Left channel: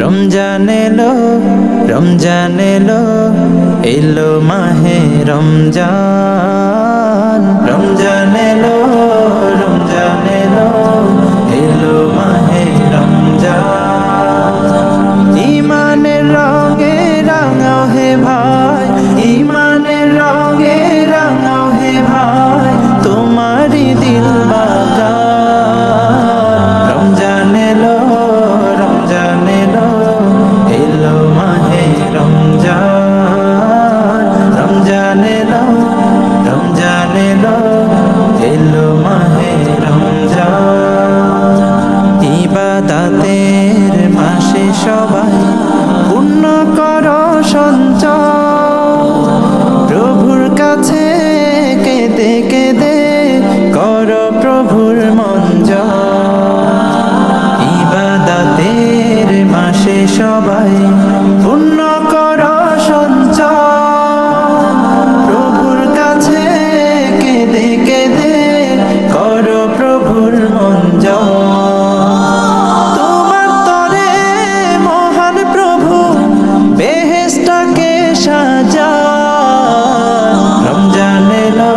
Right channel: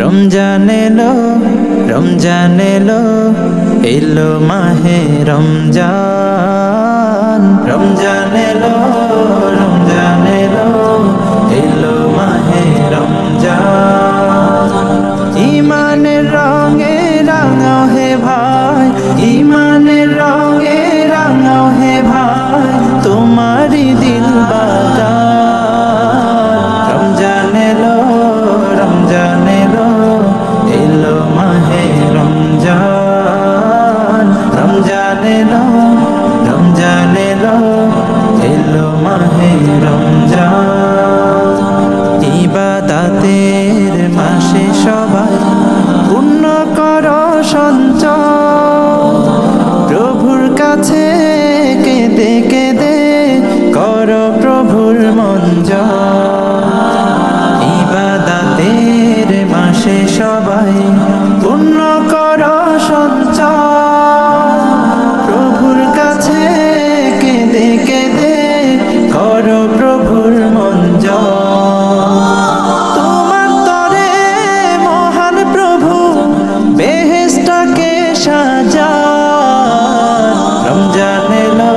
রমজান এলো, রমজান এলো, এলো মাহে রমজান। রমজান এলো, রমজান এলো, এলো মাহে রমজান। ইমানের রঙে রাঙাও হে ভাই, ইমানের রঙে রাঙাও হে ভাই, তোমারি দিল বাগান। রমজান এলো, রমজান এলো, এলো মাহে রমজান। রমজান এলো, রমজান এলো, এলো মাহে রমজান। ইবাদতের মাসে সবাই পুণ্য করো সঞ্চয়, প্রভুর কাছে কেঁদে কেঁদে করো প্রভুর মন জয়। ইবাদতের মাসে সবাই পুণ্য করো সঞ্চয়, প্রভুর কাছে কেঁদে কেঁদে করো প্রভুর মন জয়। তোমার তরে মহান প্রভু বেহেশতকে সাজান। রমজান এলো,